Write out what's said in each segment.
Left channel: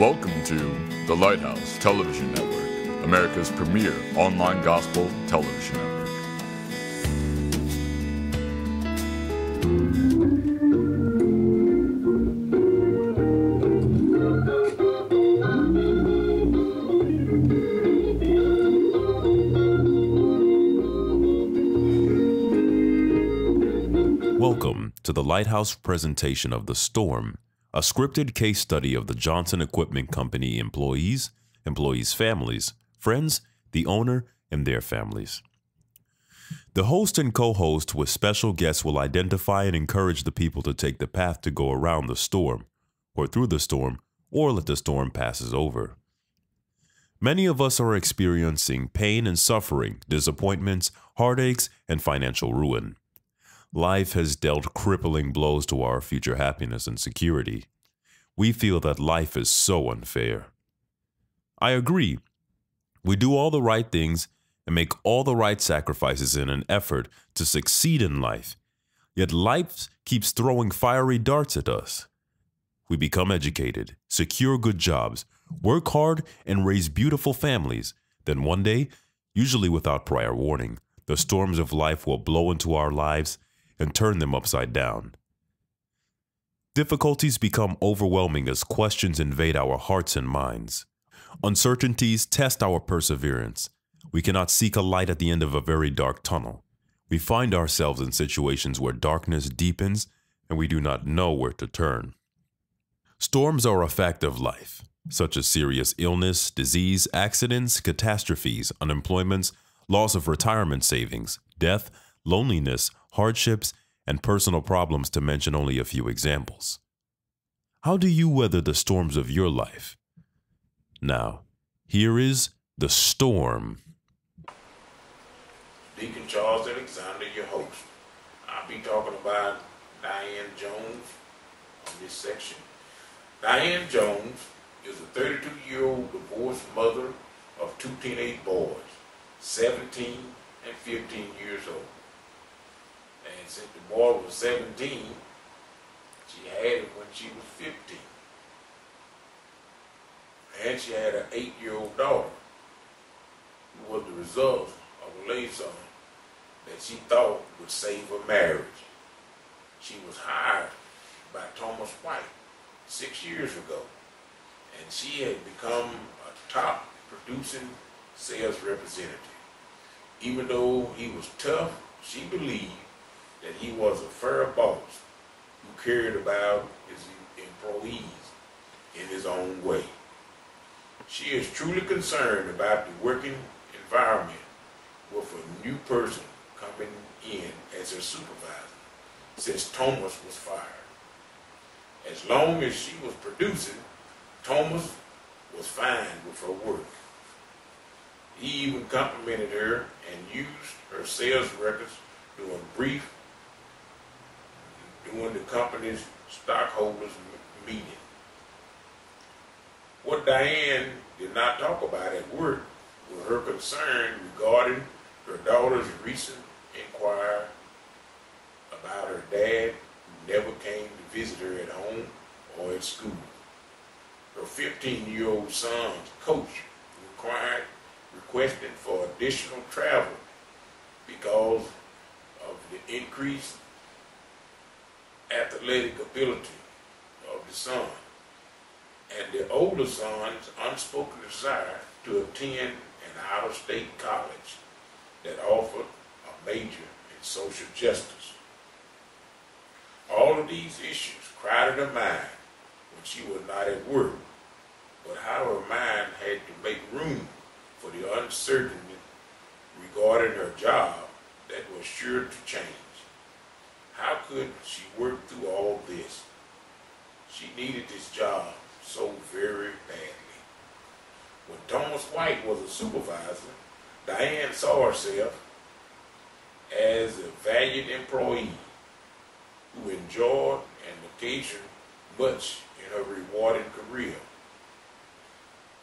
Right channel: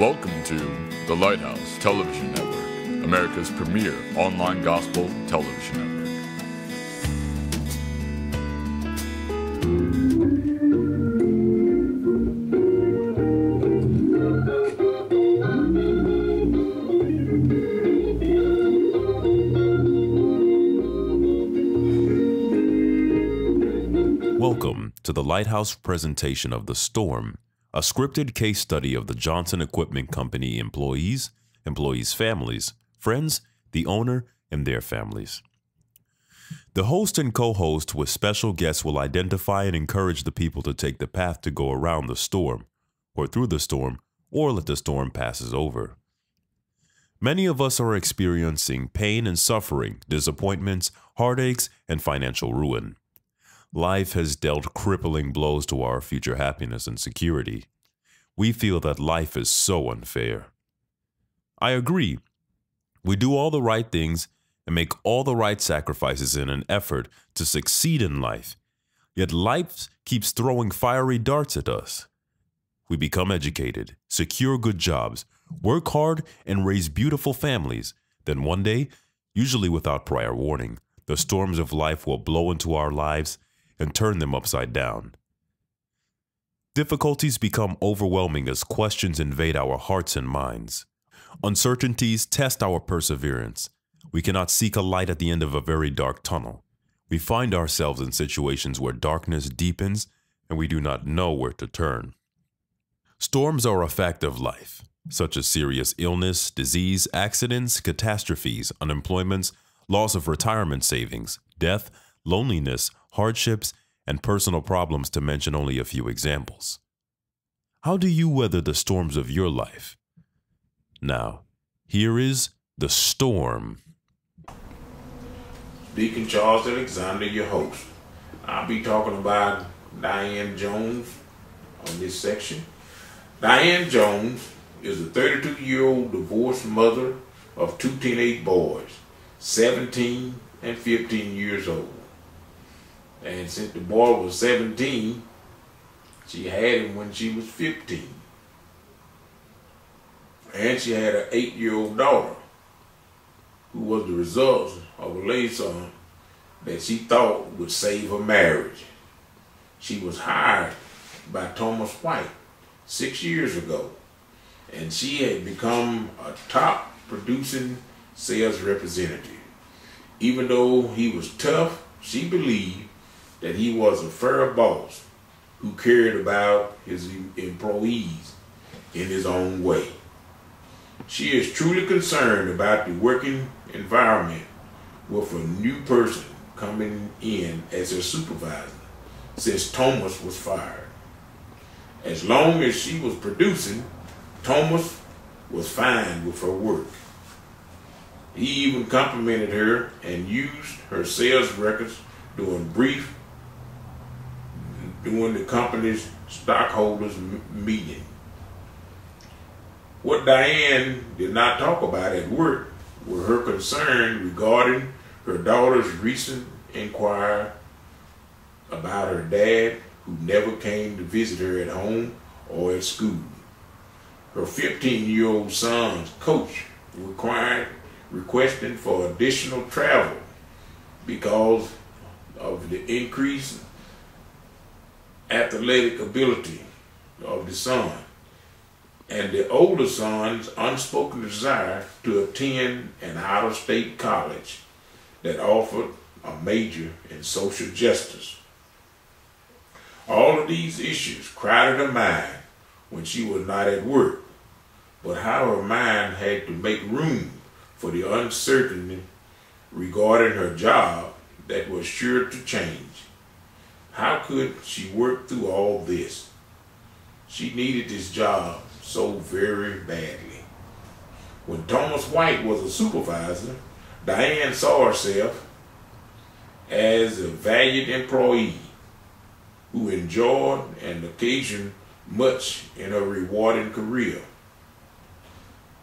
Welcome to the Lighthouse Television Network, America's premier online gospel television network. Welcome to the Lighthouse presentation of The Storm, a scripted case study of the Johnson Equipment Company employees, families, friends, the owner, and their families. The host and co-host with special guests will identify and encourage the people to take the path to go around the storm, or through the storm, or let the storm passes over. Many of us are experiencing pain and suffering, disappointments, heartaches, and financial ruin. Life has dealt crippling blows to our future happiness and security. We feel that life is so unfair. I agree. We do all the right things and make all the right sacrifices in an effort to succeed in life. Yet life keeps throwing fiery darts at us. We become educated, secure good jobs, work hard, and raise beautiful families. Then one day, usually without prior warning, the storms of life will blow into our lives and turn them upside down. Difficulties become overwhelming as questions invade our hearts and minds. Uncertainties test our perseverance. We cannot seek a light at the end of a very dark tunnel. We find ourselves in situations where darkness deepens and we do not know where to turn. Storms are a fact of life, such as serious illness, disease, accidents, catastrophes, unemployments, loss of retirement savings, death, loneliness, hardships, and personal problems, to mention only a few examples. How do you weather the storms of your life? Now, here is The Storm. Deacon Charles Alexander, your host. I'll be talking about Diane Jones on this section. Diane Jones is a 32-year-old divorced mother of two teenage boys, 17 and 15 years old. And since the boy was 17, she had him when she was 15. And she had an 8-year-old daughter who was the result of a liaison that she thought would save her marriage. She was hired by Thomas White 6 years ago, and she had become a top producing sales representative. Even though he was tough, she believed that he was a fair boss who cared about his employees in his own way. She is truly concerned about the working environment with a new person coming in as her supervisor since Thomas was fired. As long as she was producing, Thomas was fine with her work. He even complimented her and used her sales records during the company's stockholders meeting. What Diane did not talk about at work were her concern regarding her daughter's recent inquiry about her dad, who never came to visit her at home or at school. Her 15-year-old son's coach requesting for additional travel because of the increased athletic ability of the son, and the older son's unspoken desire to attend an out-of-state college that offered a major in social justice. All of these issues crowded her mind when she was not at work, but how her mind had to make room for the uncertainty regarding her job that was sure to change. How could she work through all this? She needed this job so very badly. When Thomas White was a supervisor, Diane saw herself as a valued employee who enjoyed and occasioned much in her rewarding career.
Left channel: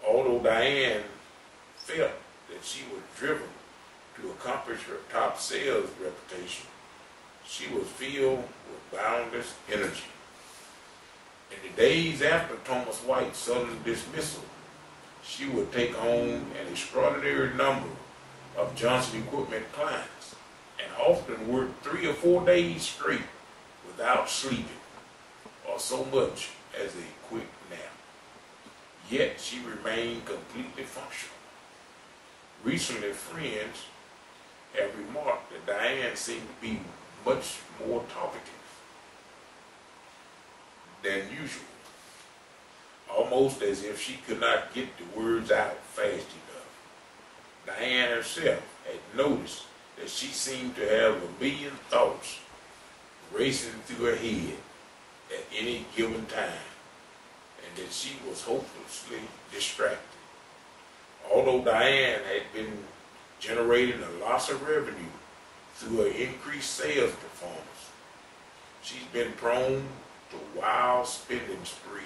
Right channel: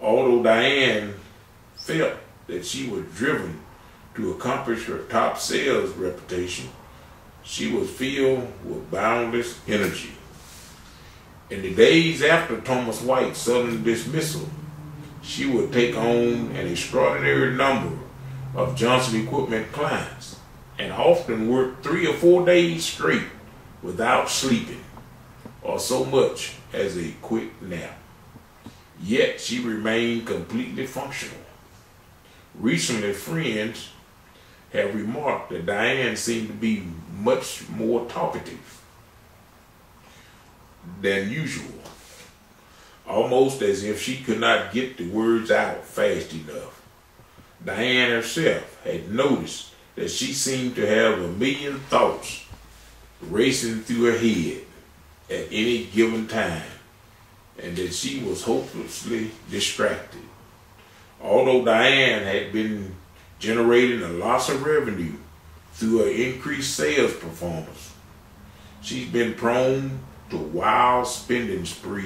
Although Diane felt that she was driven to accomplish her top sales reputation, she was filled with boundless energy. In the days after Thomas White's sudden dismissal, she would take on an extraordinary number of Johnson Equipment clients and often work 3 or 4 days straight without sleeping or so much as a quick nap. Yet she remained completely functional. Recently, friends have remarked that Diane seemed to be much more talkative than usual, almost as if she could not get the words out fast enough. Diane herself had noticed that she seemed to have a million thoughts racing through her head at any given time, and that she was hopelessly distracted. Although Diane had been generating a loss of revenue through her increased sales performance, she's been prone to wild spending sprees,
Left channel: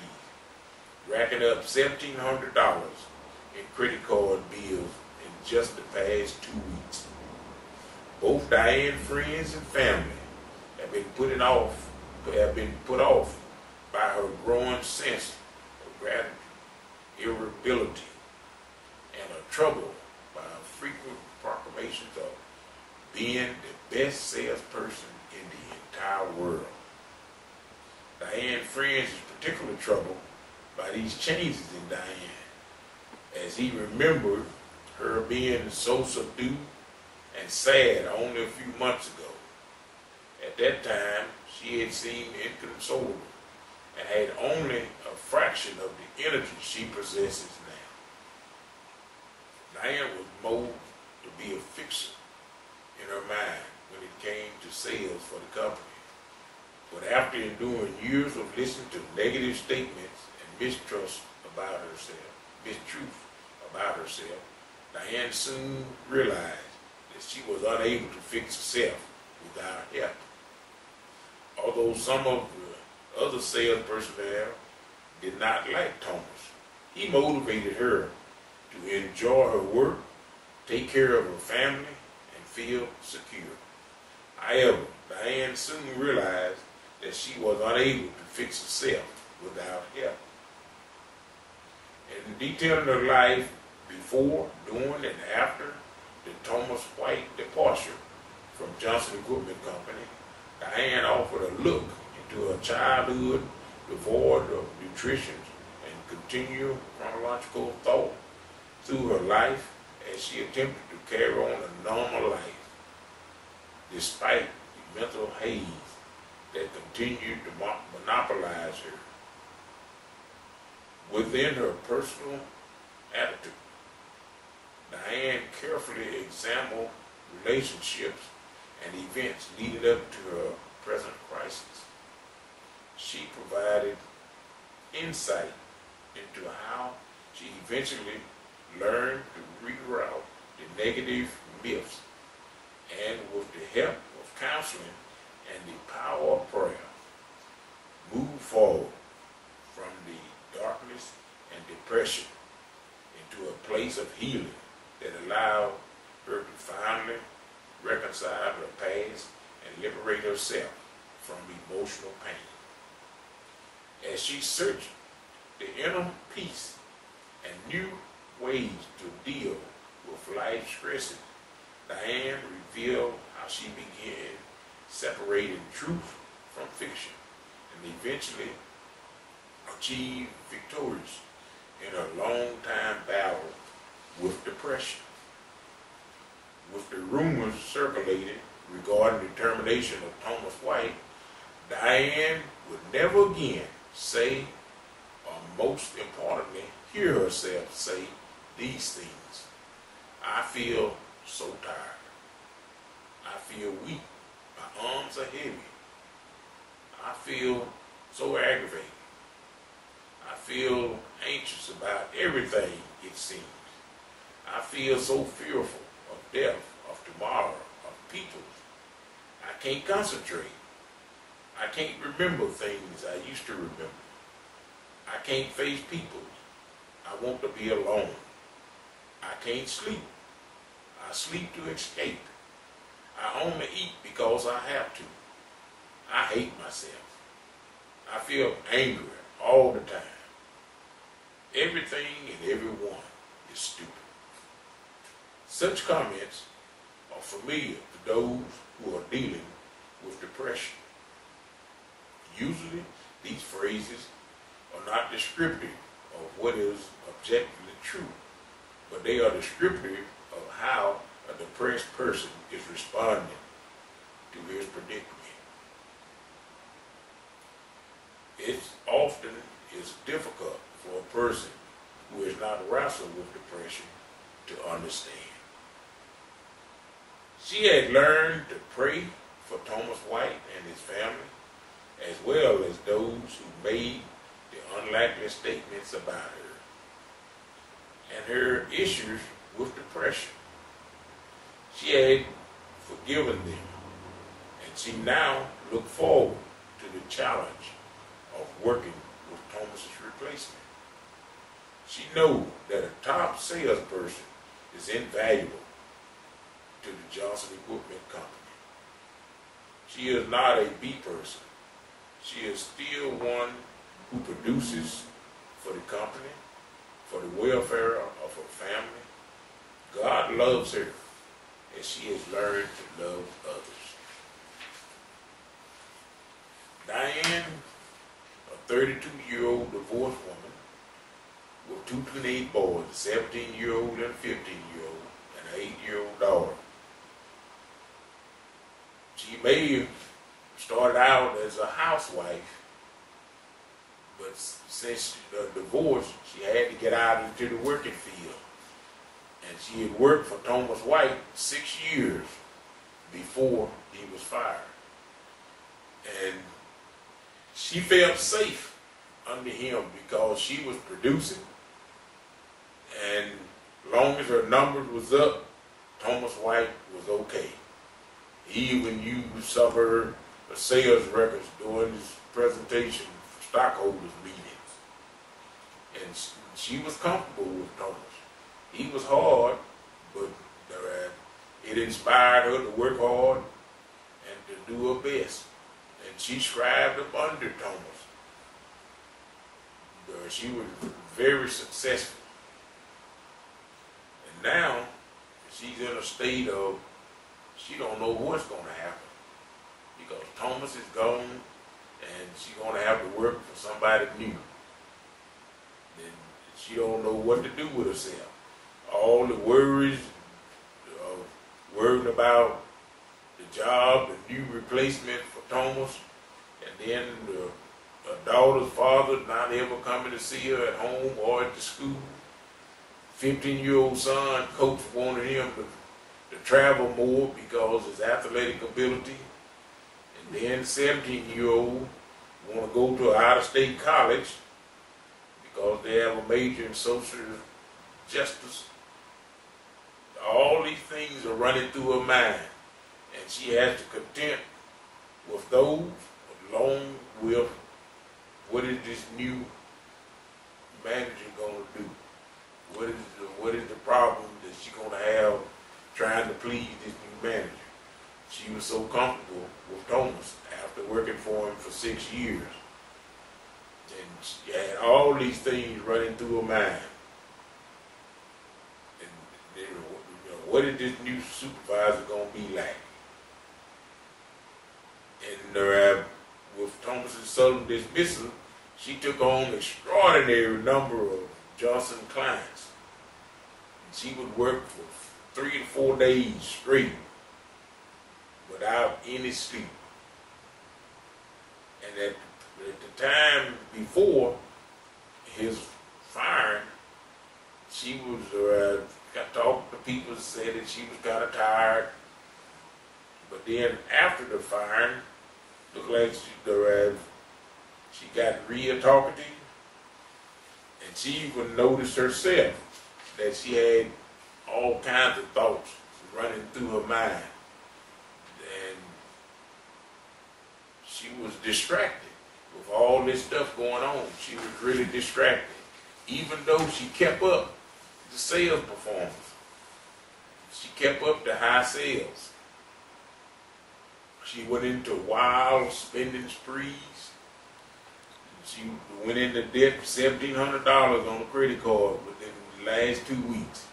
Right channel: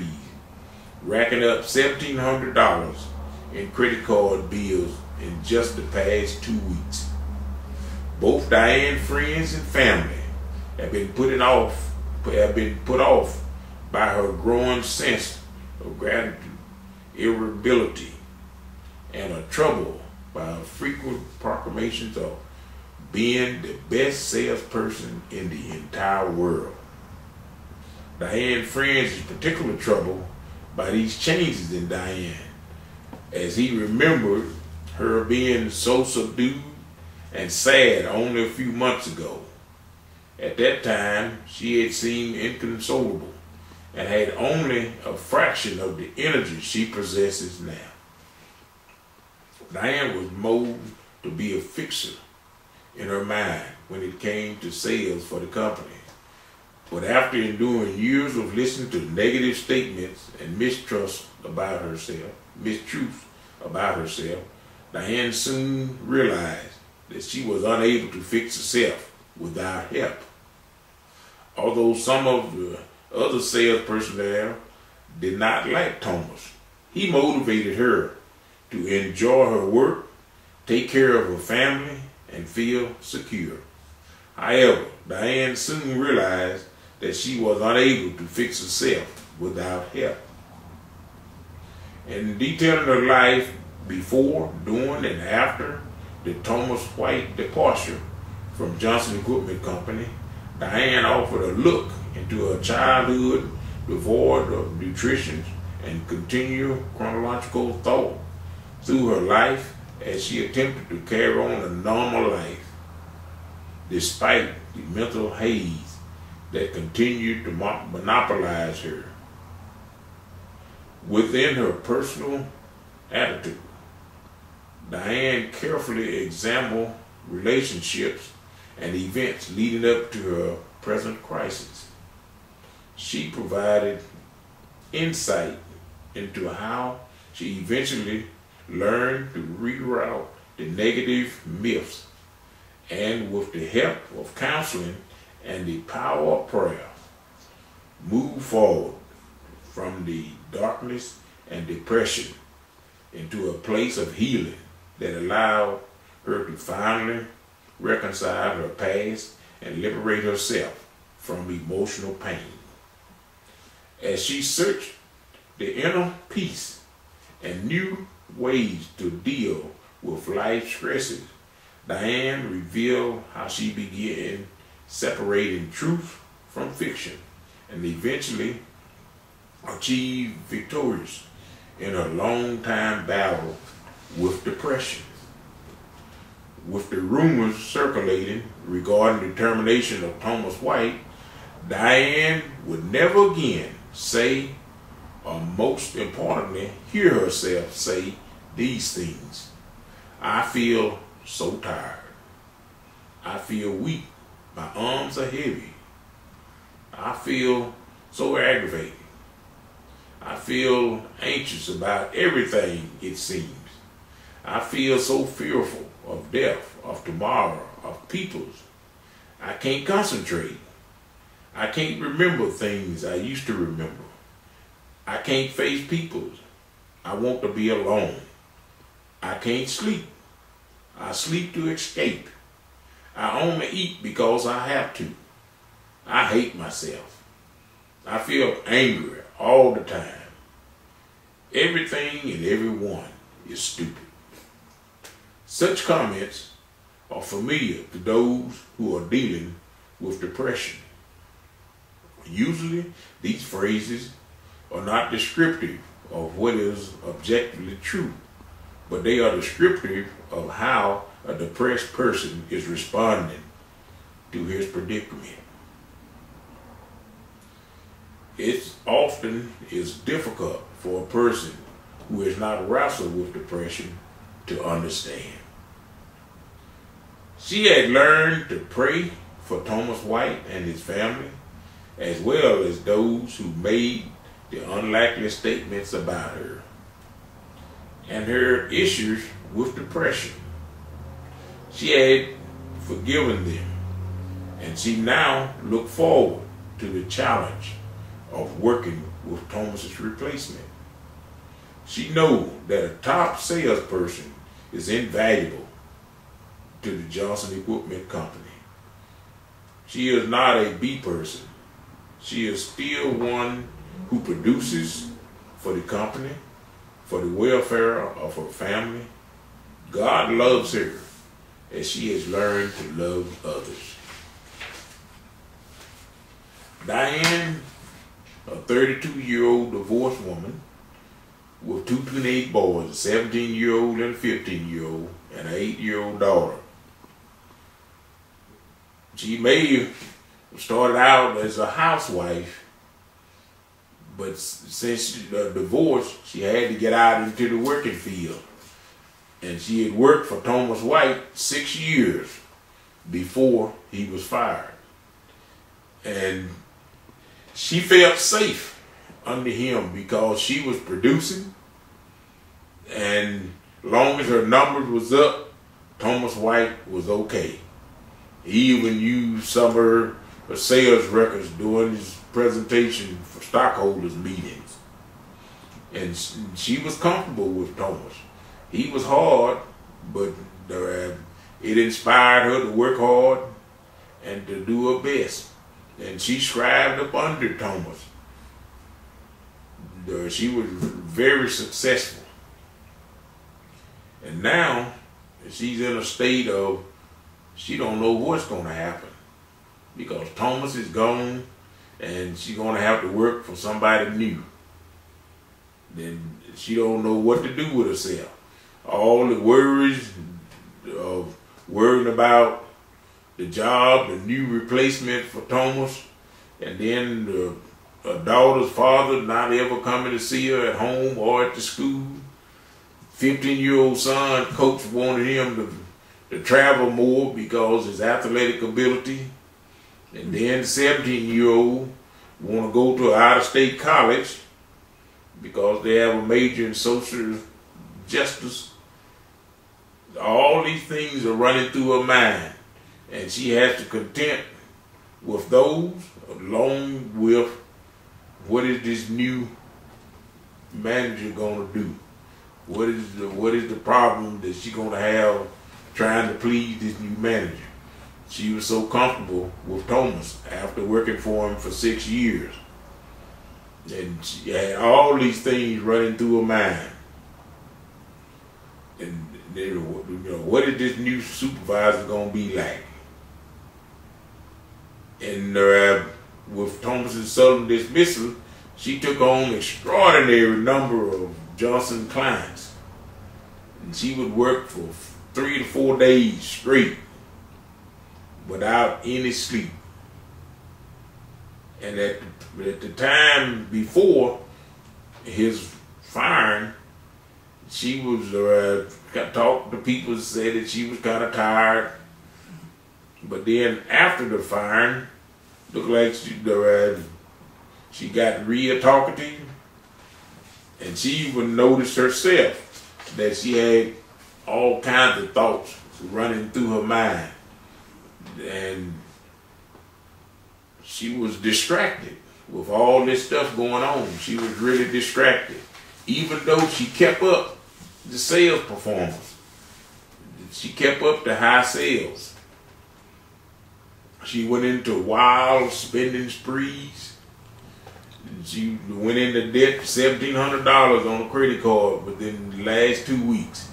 racking up $1,700 in credit card bills in just the past 2 weeks. Both Diane's friends and family have been put off by her growing sense of gratitude, irritability, and are troubled by her frequent proclamations of being the best salesperson in the entire world. Diane's friends is particularly troubled by these changes in Diane, as he remembered her being so subdued and sad only a few months ago. At that time, she had seemed inconsolable and had only a fraction of the energy she possesses now. Diane was molded to be a fixer in her mind when it came to sales for the company. But after enduring years of listening to negative statements and mistruths about herself, Diane soon realized that she was unable to fix herself without help. Although some of the other sales personnel did not like Thomas, he motivated her to enjoy her work, take care of her family, and feel secure. However, Diane soon realized that she was unable to fix herself without help. In detailing her life before, during, and after the Thomas White departure from Johnson Equipment Company, Diane offered a look into her childhood devoid of nutrition and continual chronological thought through her life as she attempted to carry on a normal life, despite the mental haze that continued to monopolize her. Within her personal attitude, Diane carefully examined relationships and events leading up to her present crisis. She provided insight into how she eventually learned to reroute the negative myths, and with the help of counseling and the power of prayer, move forward from the darkness and depression into a place of healing that allowed her to finally reconcile her past and liberate herself from emotional pain. As she searched the inner peace and new ways to deal with life's stresses, Diane revealed how she began separating truth from fiction and eventually achieved victorious in her long-time battle with depression. With the rumors circulating regarding the termination of Thomas White, Diane would never again say, or most importantly, hear herself say these things. I feel so tired. I feel weak. My arms are heavy. I feel so aggravated. I feel anxious about everything, it seems. I feel so fearful of death, of tomorrow, of peoples. I can't concentrate. I can't remember things I used to remember. I can't face people. I want to be alone. I can't sleep. I sleep to escape. I only eat because I have to. I hate myself. I feel angry all the time. Everything and everyone is stupid. Such comments are familiar to those who are dealing with depression. Usually, these phrases are not descriptive of what is objectively true, but they are descriptive of how a depressed person is responding to his predicament. It often is difficult for a person who has not wrestled with depression to understand. She had learned to pray for Thomas White and his family, as well as those who made the unlikely statements about her and her issues with depression. She had forgiven them, and she now looked forward to the challenge of working with Thomas's replacement. She knows that a top salesperson is invaluable to the Johnson Equipment Company. She is not a B person. She is still one who produces for the company, for the welfare of her family. God loves her as she has learned to love others. Diane, a 32-year-old divorced woman with two teenage boys, a 17-year-old and a 15-year-old, and an 8-year-old daughter. She may have started out as a housewife, but since the divorce, she had to get out into the working field. And she had worked for Thomas White 6 years before he was fired. And she felt safe under him because she was producing, and long as her numbers was up, Thomas White was okay. He even used some of her sales records during his presentation for stockholders meetings. And she was comfortable with Thomas. He was hard, but it inspired her to work hard and to do her best. And she scribed up under Thomas. She was very successful. And now she's in a state of she don't know what's going to happen because Thomas is gone and she's going to have to work for somebody new. Then she don't know what to do with herself. All the worries of worrying about the job, the new replacement for Thomas, and then her daughter's father not ever coming to see her at home or at the school. 15-year-old son, coach wanted him to travel more because his athletic ability. And then 17-year-old want to go to an out-of-state college because they have a major in social justice. All these things are running through her mind, and she has to content with those along with what is this new manager going to do? What is the problem that she's going to have trying to please this new manager? She was so comfortable with Thomas after working for him for 6 years. And she had all these things running through her mind. And what is this new supervisor going to be like? And with Thomas's sudden dismissal, she took on an extraordinary number of Johnson clients. And she would work for 3 to 4 days straight without any sleep. And at the time before his firing, she was talked to people, said that she was kind of tired. But then after the firing, looked like she got real talkative, and she even noticed herself that she had all kinds of thoughts running through her mind, and she was distracted with all this stuff going on. She was really distracted, even though she kept up the sales performance. She kept up the high sales. She went into wild spending sprees. She went into debt $1,700 on a credit card within the last 2 weeks.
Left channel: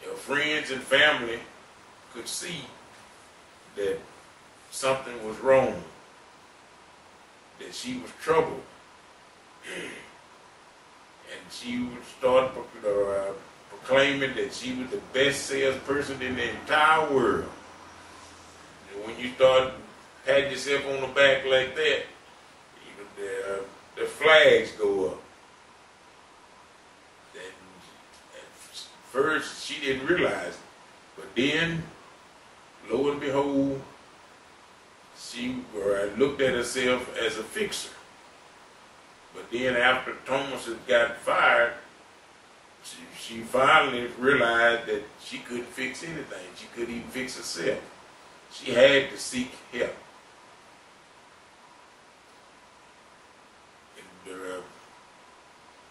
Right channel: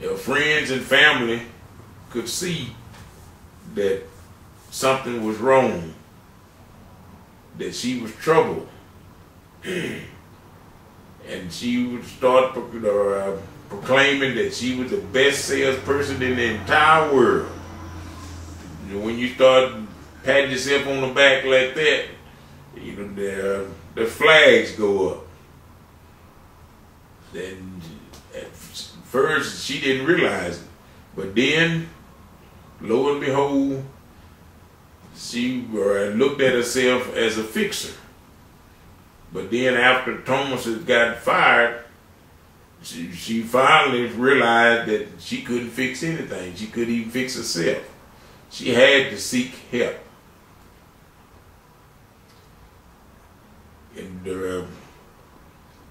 Her friends and family could see that something was wrong, that she was troubled. And she would start proclaiming that she was the best salesperson in the entire world. When you start patting yourself on the back like that, you know, the flags go up. Then at first she didn't realize it, but then, lo and behold, she looked at herself as a fixer. But then after Thomas had got fired, she finally realized that she couldn't fix anything. She couldn't even fix herself. She had to seek help. And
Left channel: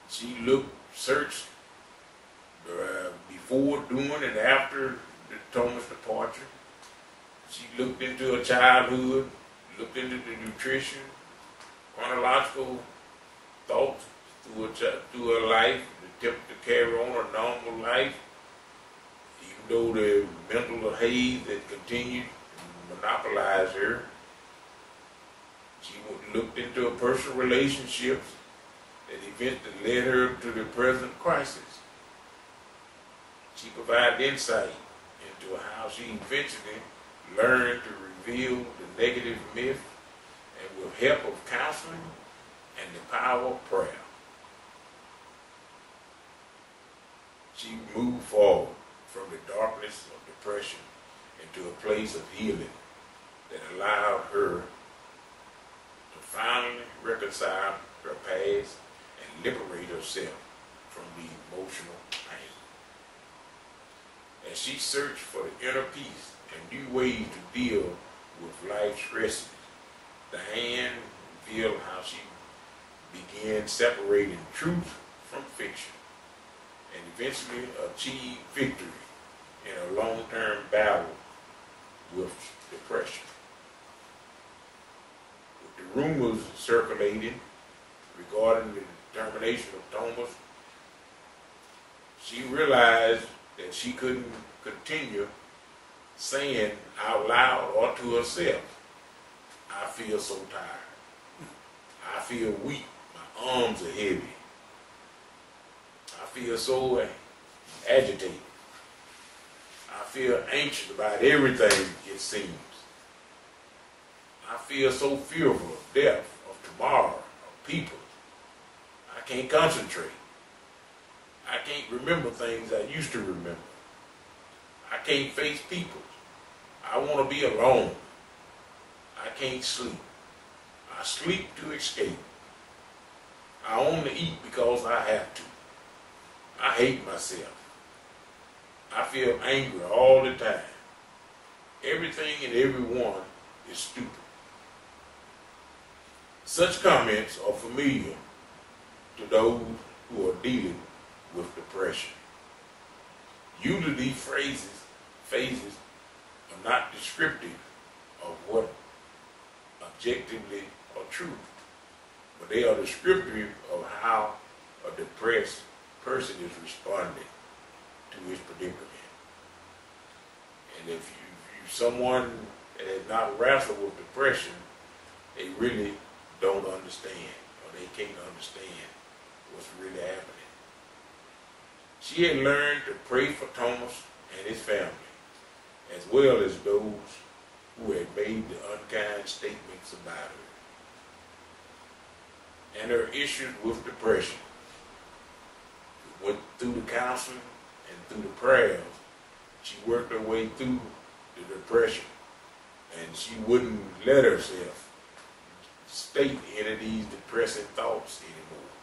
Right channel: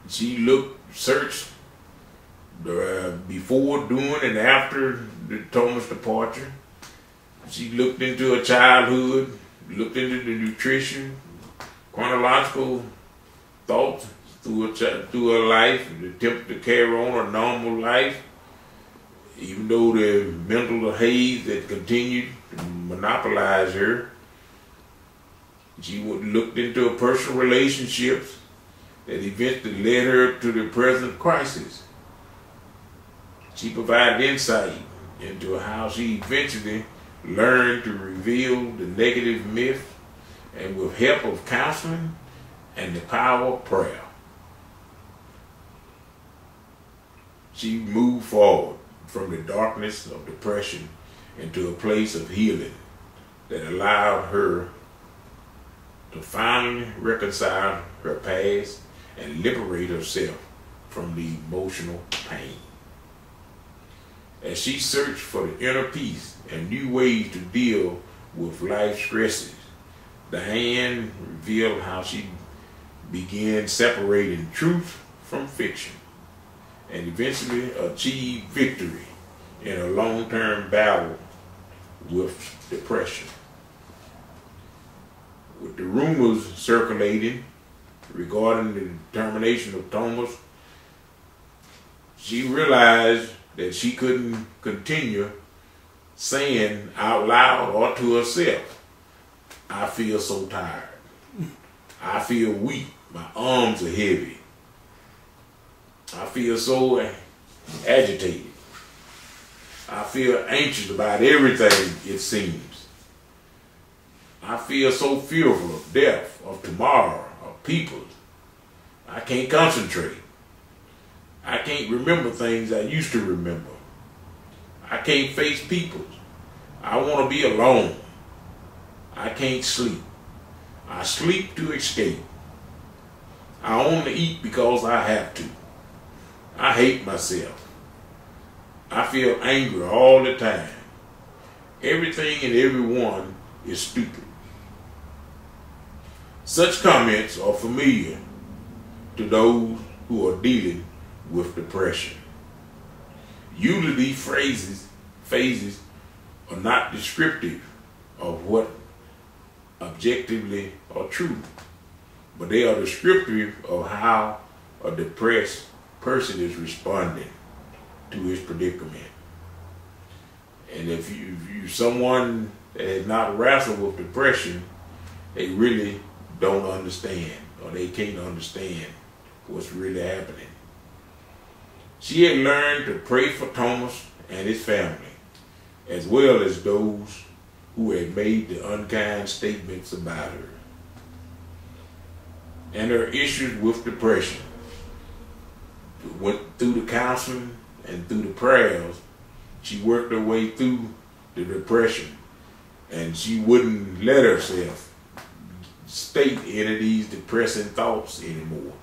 she searched before, during, and after the Thomas departure. She looked into her childhood, looked into the nutrition, chronological thoughts through her life, and attempted to carry on a normal life, even though the mental haze that continued to monopolize her. She looked into her personal relationships that eventually led her to the present crisis. She provided insight into how she eventually learned to reveal the negative myth, and with help of counseling and the power of prayer, she moved forward from the darkness of depression into a place of healing that allowed her to finally reconcile her past and liberate herself from the emotional pain. As she searched for the inner peace and new ways to deal with life's stresses, Diane revealed how she began separating truth from fiction and eventually achieved victory in a long-term battle with depression. With the rumors circulating regarding the termination of Thomas, she realized that she couldn't continue saying out loud or to herself, "I feel so tired. I feel weak. My arms are heavy. I feel so agitated. I feel anxious about everything, it seems. I feel so fearful of death, of tomorrow, of people. I can't concentrate. I can't remember things I used to remember. I can't face people. I want to be alone. I can't sleep. I sleep to escape. I only eat because I have to. I hate myself. I feel angry all the time. Everything and everyone is stupid." Such comments are familiar to those who are dealing with depression. Usually these phases are not descriptive of what objectively are true, but they are descriptive of how a depressed person is responding to his predicament. And if you're someone that has not wrestled with depression, they really don't understand, or they can't understand what's really happening. She had learned to pray for Thomas and his family, as well as those who had made the unkind statements about her. And her issues with depression went through the counseling and through the prayers. She worked her way through the depression, and she wouldn't let herself state any of these depressing thoughts anymore.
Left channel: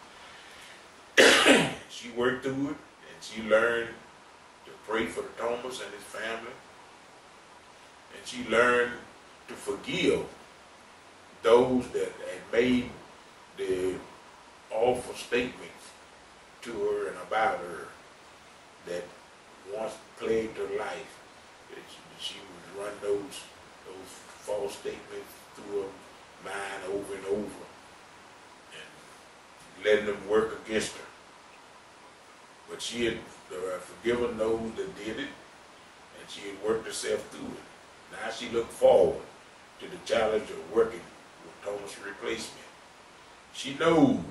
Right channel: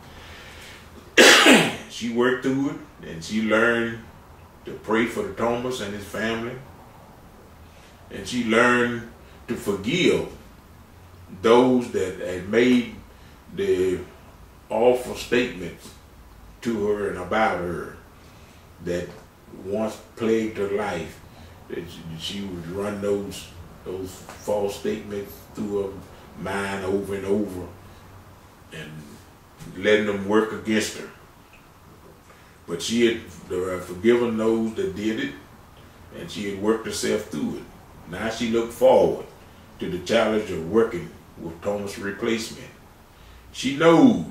She worked through it, and she learned to pray for the Thomas and his family, and she learned to forgive those that had made the awful statements to her and about her that once plagued her life, that she would run those false statements through her mind over and over and letting them work against her. But she had forgiven those that did it, and she had worked herself through it. Now she looked forward to the challenge of working with Thomas' replacement. She knows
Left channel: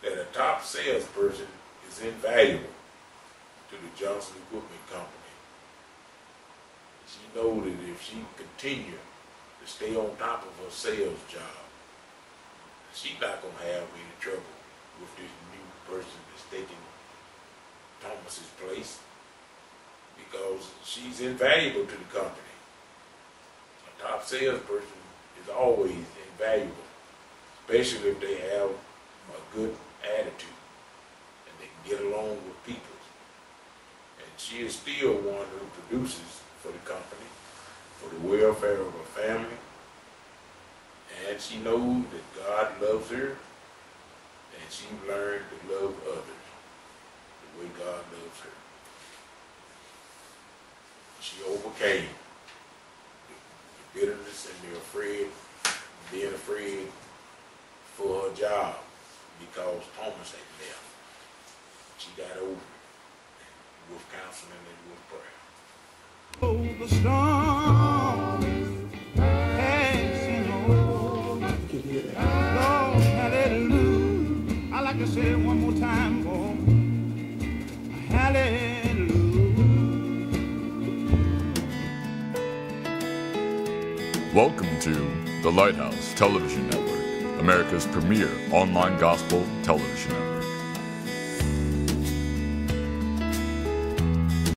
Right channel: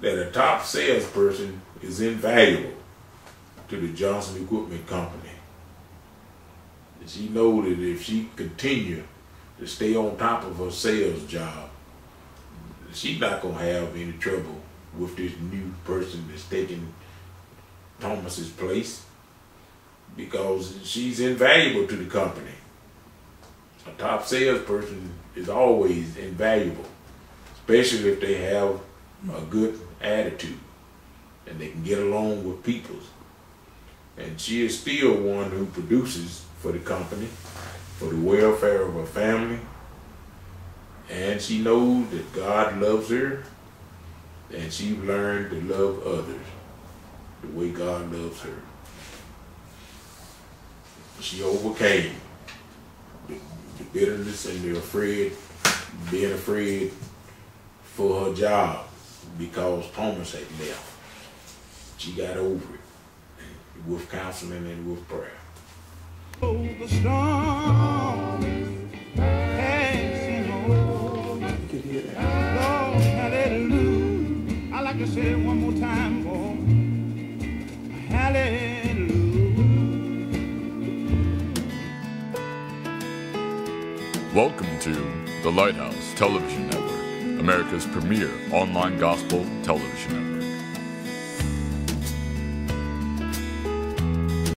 that a top salesperson is invaluable to the Johnson Equipment Company. And she knows that if she continue to stay on top of her sales job, she's not going to have any trouble with this new person that's taking Thomas's place, because she's invaluable to the company. A top salesperson is always invaluable, especially if they have a good attitude and they can get along with people. And she is still one who produces for the company, for the welfare of her family. And she knows that God loves her, and she learned to love others the way God loves her. She overcame the bitterness and being afraid for her job because Thomas had left. She got over it with counseling and with prayer. Oh, the storm passing over. Lord, hallelujah. I like to say it one more time, boy. Hallelujah. Welcome to the Lighthouse Television Network, America's premier online gospel television network.